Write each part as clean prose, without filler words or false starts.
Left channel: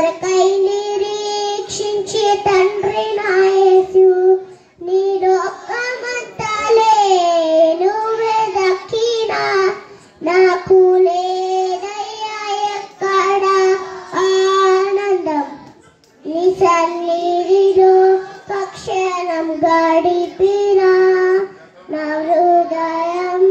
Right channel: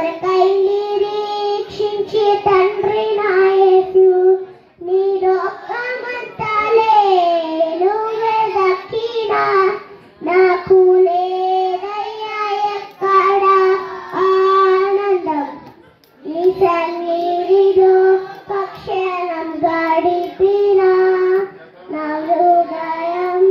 కొరకై నిరీక్షించి తండ్రి నా యేసు నీ లోకమంతలే నువ్వే దక్కినా నాకు లేదయ్యా ఎక్కడ ఆనందం నీ సన్నిధిలో పక్షణం గడిపినా నా హృదయం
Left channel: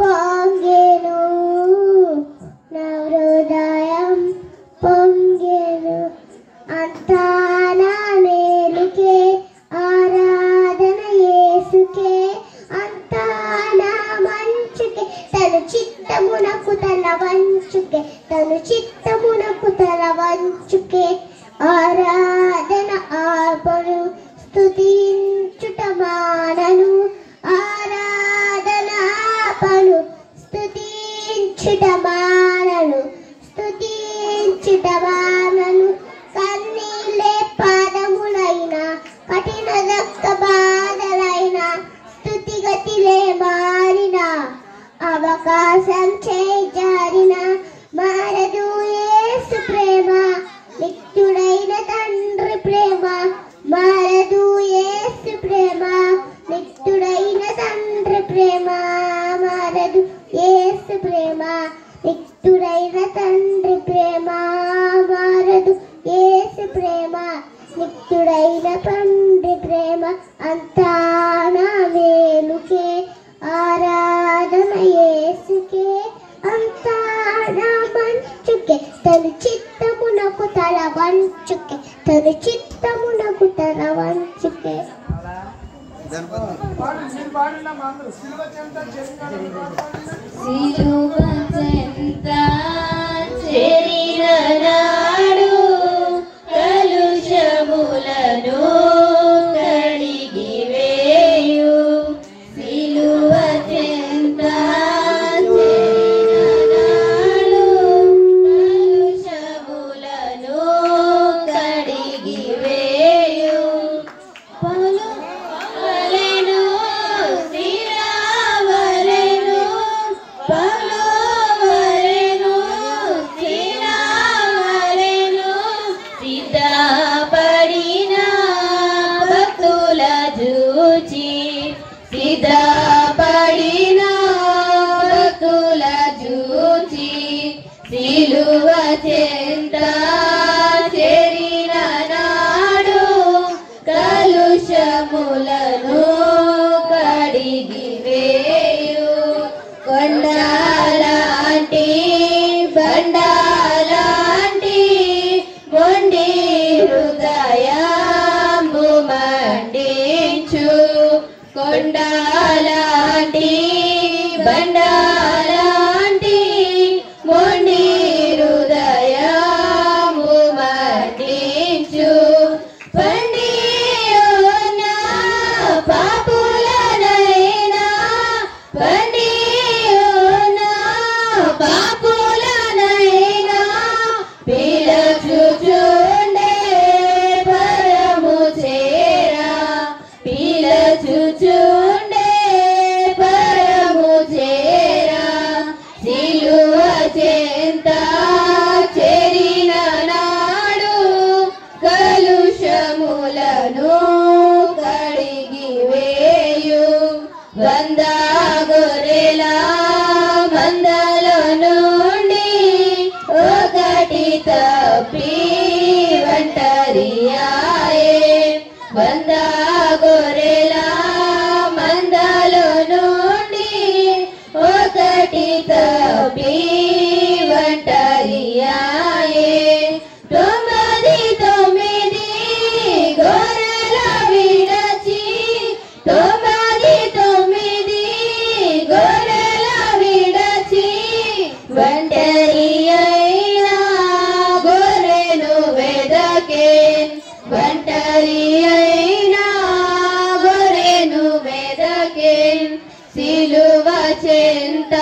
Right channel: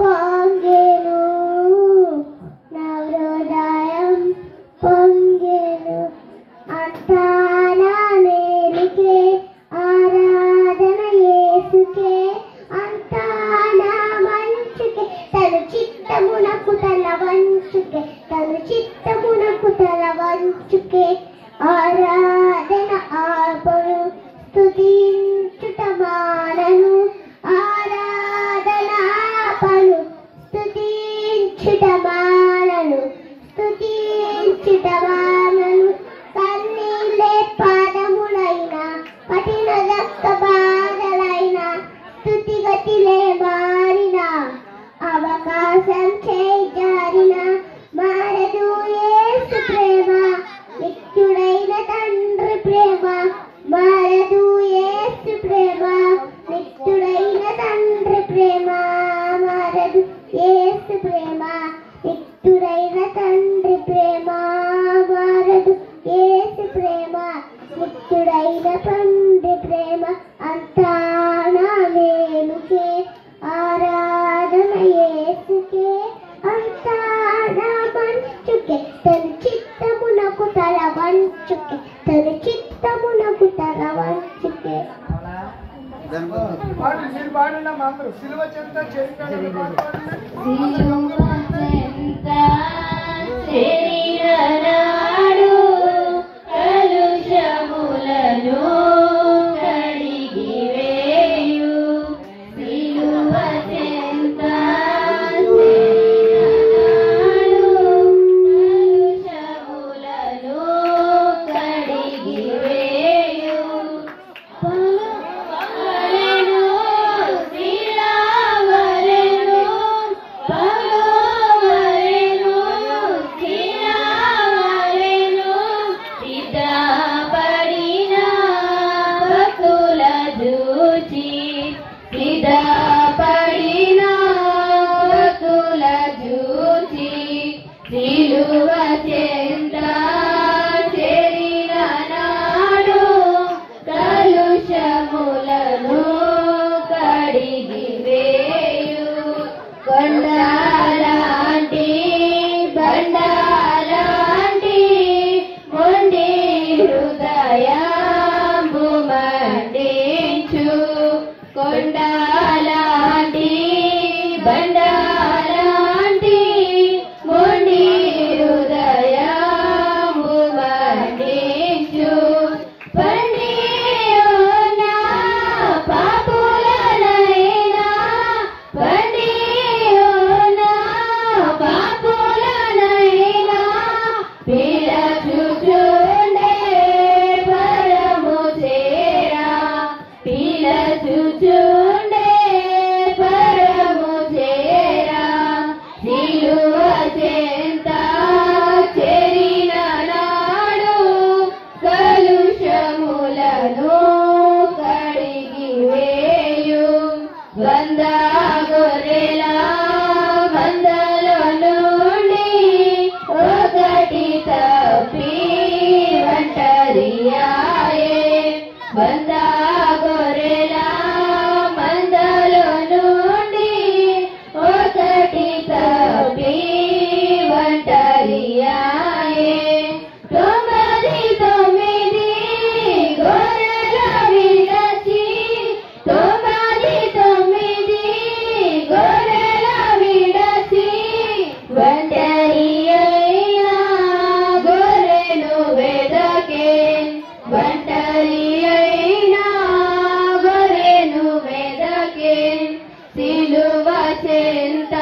పొంగెను నా హృదయం పొంగెను అంతా నా మేలుకే ఆరాధన యేసుకే అంతా నా మంచుకే తను చిత్తమునకు తల వంచుకే తను చిత్తమునకు తల వంచుకే ఆరాధన ఆపను స్తుతించుట మానను ఆరాధన ఆపను స్తుతించుట మానను స్తుతించుట మానను కన్నీళ్ళే పాదములైన కఠిన రక్త బాధలైన స్తుతిగతిలే మారిన అవకాశం చేజారిన మారదు యేసు ప్రేమ నిత్యుడైన తండ్రి ప్రేమ మారదు యేసు ప్రేమ నిత్యుడైన తండ్రి ప్రేమ మారదు యేసు ప్రేమ నిత్యుడైన తండ్రి ప్రేమ మారదు యేసు ప్రేమ నిత్యుడైన తండ్రి ప్రేమ అంతా నా మేలుకే ఆరాధన యేసుకే అంతా నా మంచుకే తను చిత్తమునకు తల వంచుకే తను చిత్తమునకు తల వంచుకే సిలువ చెంత చేరిన నాడు కలుషములను కడిగి వేయు సిలువ చెంత చేరిన నాడు కలుషములను కడిగి వేయు పలువలెను శిలవలెను పలువలెను శిలవలెను సిద్ధపడిన భక్తుల చూచి సిద్ధపడిన భక్తుల చూచి సిలువ చెంత చేరిన నాడు కలుషములను కడిగి వేయు కొండలాంటి బండలాంటి మొండి హృదయము మండించు కొండలాంటి బండలాంటి మొండి హృదయము మండించు పండియున్న పాపులనైనా పండియున్న పాపులనైనా పిలచుచుండే పరము చేరా పిలచుచుండే పరము చేరా సిలువ చెంత చేరిన నాడు కలుషములను కడిగి వేయు వంద గొర్రెల మందలో నుండి ఒకటి తప్పి ఒంటరియాయే వంద గొర్రెల మందలో నుండి ఒకటి తప్పి ఒంటరియాయే తొమ్మిది తొమ్మిది గొర్రెల విడచి తొమ్మిది తొమ్మిది గొర్రెల విడచి ఒంటరి అయిన గొర్రెను వెదకే ఒంటరి అయిన గొర్రెను వెదకే సిలువ చెంత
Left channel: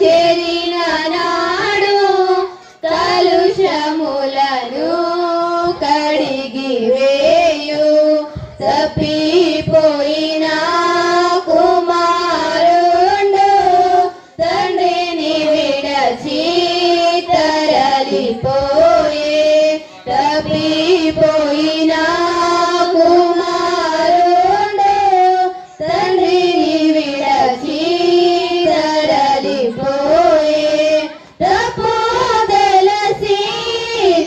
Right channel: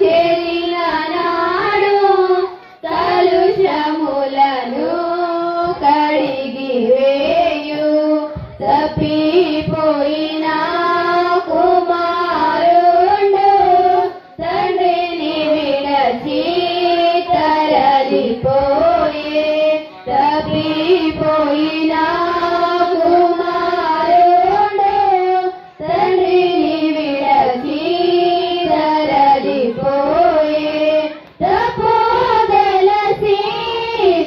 చేరిన నాడు కలుషములను కడిగి వేయు తప్పిపోయిన కుమారుండు తండ్రిని విడచి తరలిపోయే తరలిపోయిన కుమారుడు తండ్రిని విడచి తరలిపోయే తప్పు తెలిసి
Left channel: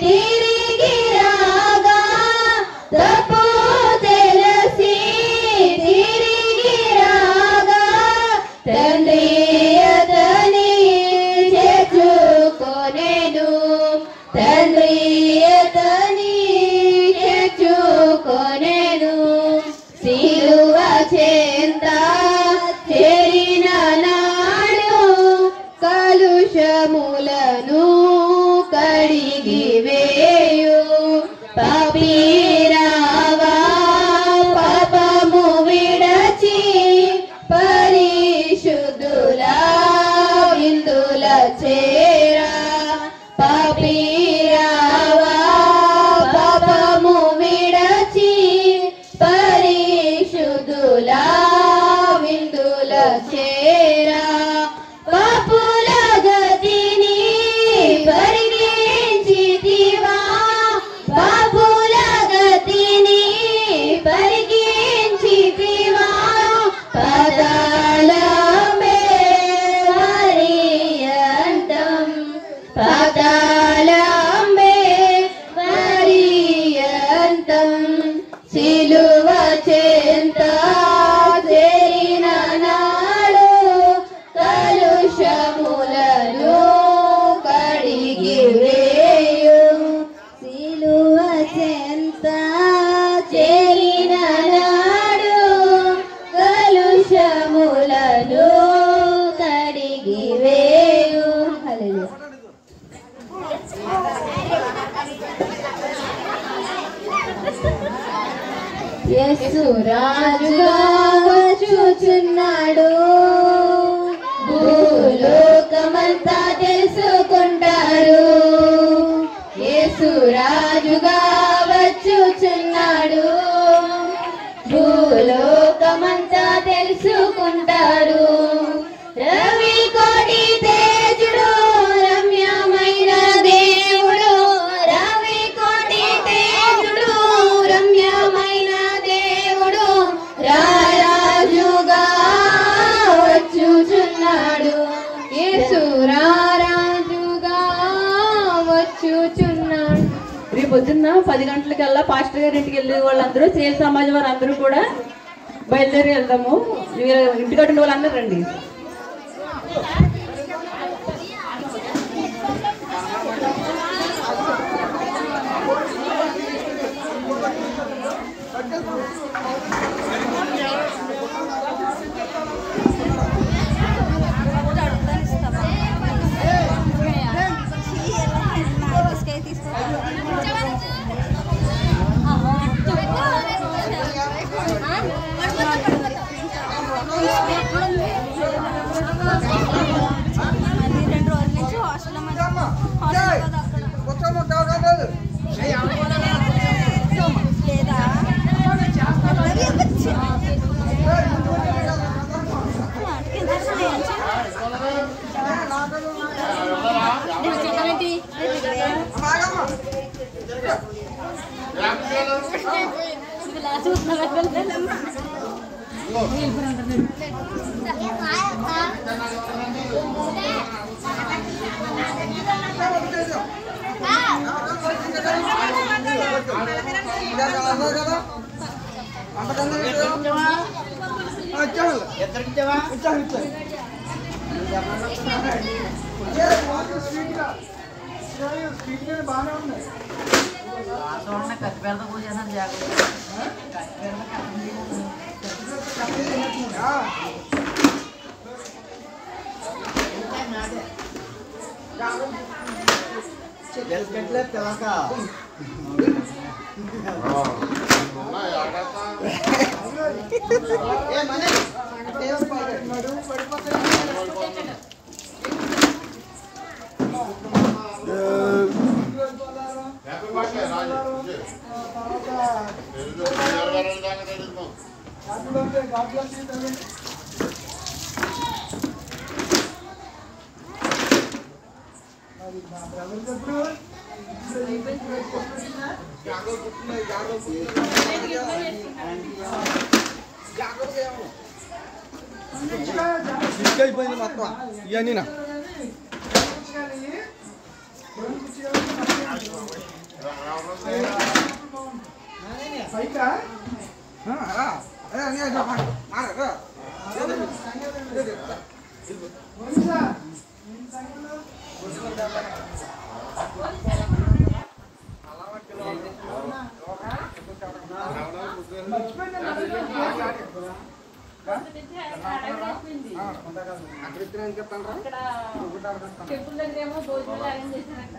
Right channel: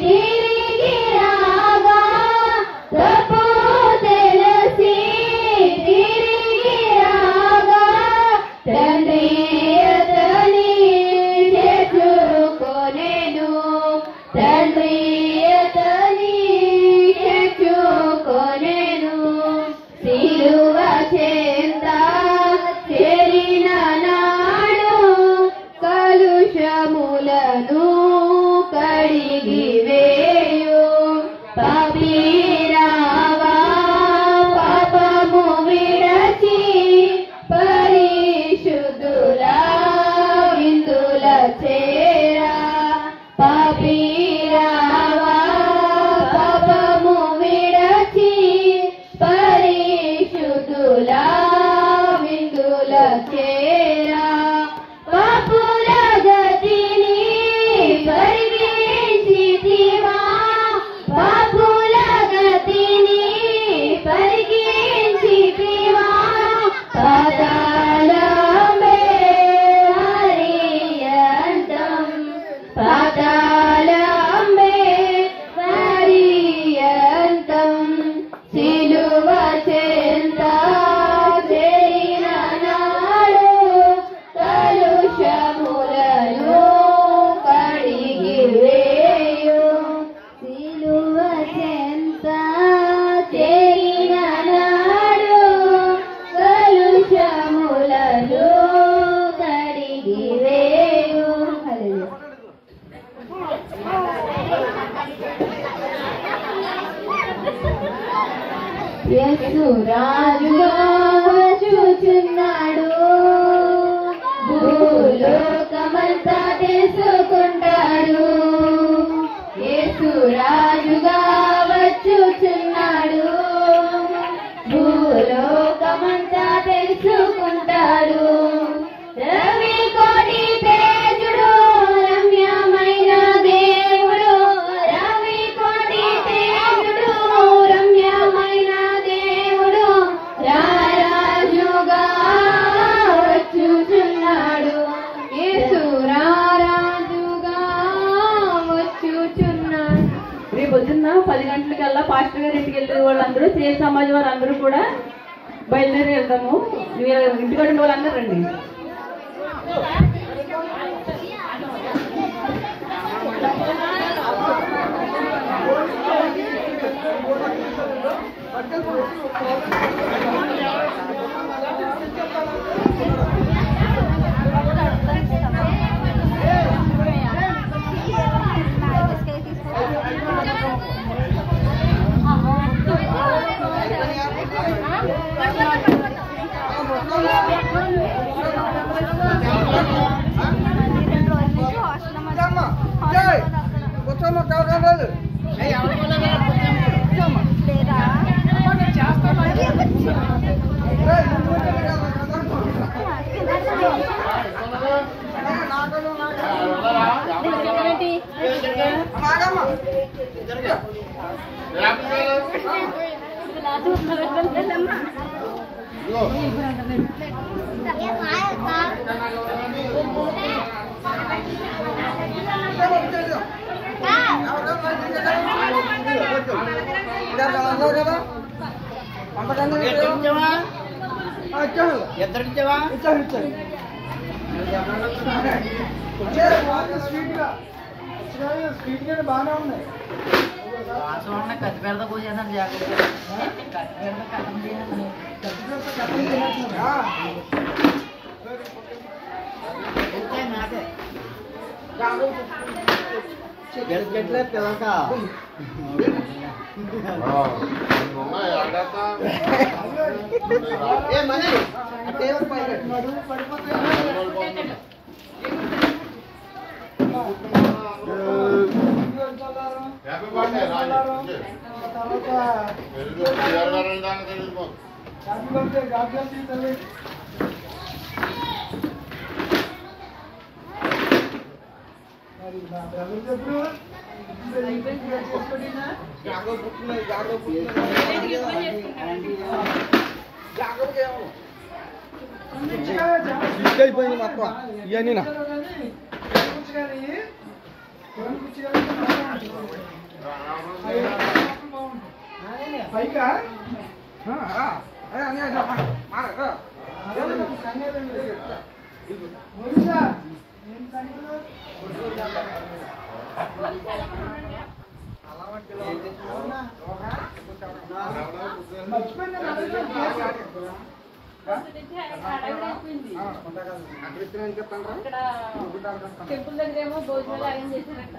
తిరిగి రాగా తప్పు తెలిసి తిరిగి రాగా తండ్రి అతని చేర్చుకొనెను తండ్రి అతని చేర్చుకొనెను సిలువ చెంత చేరిన నాడు కలుషములను కడిగి వేయు పాపిరావా పాపము విడచి పరిశుద్ధుల విందుల చేరా పాపిరావా పాపము విడచి పరిశుద్ధుల విందుల చేరా పాపుల గతిని పరిగణించితివా పాపుల గతిని పరిగణించితివా పాతాళమే పర్యంతం పాతాళమే పర్యంతం సిలువ చెంత చేరిన నాడు కలుషములను కడిగి వేయు సిలువ చెంత చేరిన నాడు కలుషములను కడిగి వేయు యేసు రాజుగా చూచున్నాడు భూలోకమంతా తెలుసుకుంటాడు యేసు రాజుగా వచ్చుచున్నాడు భూలోకమంతా తెలుసుకుంటాడు రవి కోటి తేజుడు రమ్యమైన దేవుడు రవి కోటి తేజుడు రమ్యమైన దేవుడు రారాజుగా వచ్చుచున్నాడు యేసు రారాజుగా వచ్చుచున్నాడు. రేపు పొద్దున్న 10 గంటలకల్లా పాస్టర్ గారి ఇంటికి వెళ్ళే వాళ్ళందరూ సేల్ సమాజం వారు అందరూ కూడా బయలుదేరి వెళ్దాము. ఇంటికాడ ఉన్న వాళ్ళందరూ రండి. బాగానే ఉన్నాయి అయిపోయింది మొత్తం ఇవన్నీ పైకా టెంపుల్ దగ్గర ఏమో భోజనాలు అరేంజ్ చేశారట.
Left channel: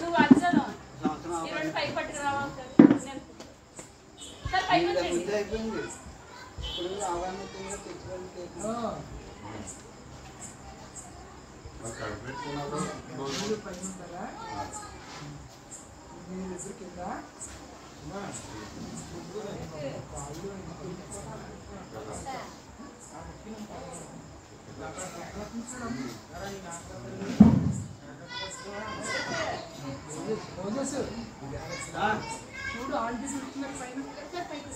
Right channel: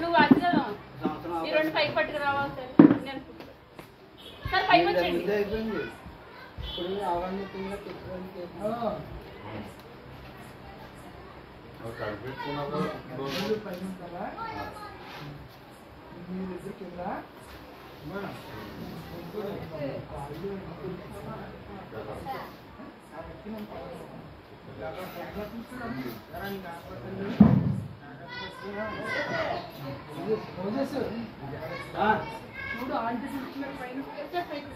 నువ్వు వచ్చావు ఈ రెండు పైకి పట్టుకురావాలి సార్ పైకి వచ్చేయండి. చూడు ఆంటీ చూస్తున్నారు పైన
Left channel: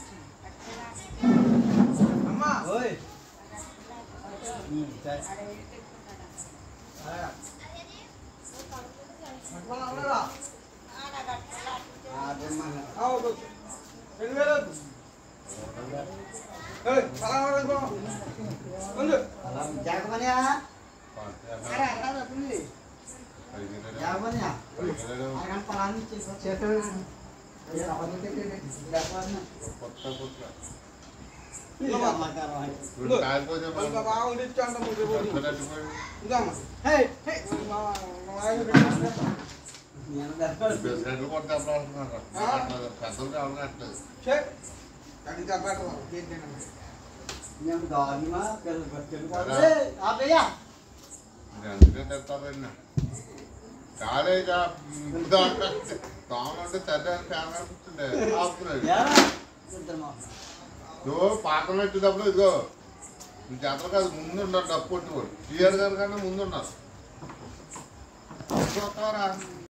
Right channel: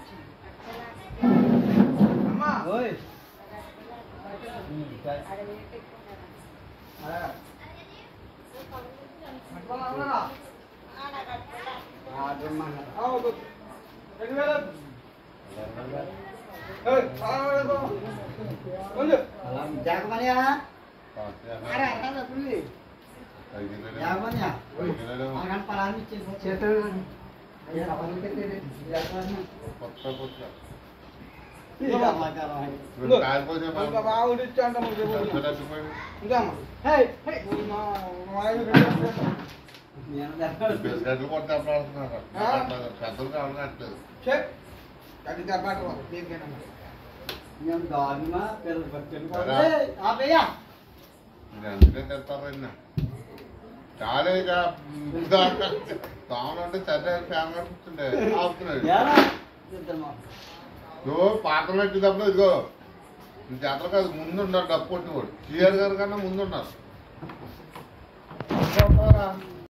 చాలా ఇక తామంటే చదివే ఆపుతున్నాడు. నువ్వు పాత్ర పెట్టేటప్పుడు ఇదిగో ఈ జాతర కాదు ముందు ఉన్నారు డప్పు కొట్టుకోడు క్లియర్ గారు కన్నా ముందు ఉన్నారు.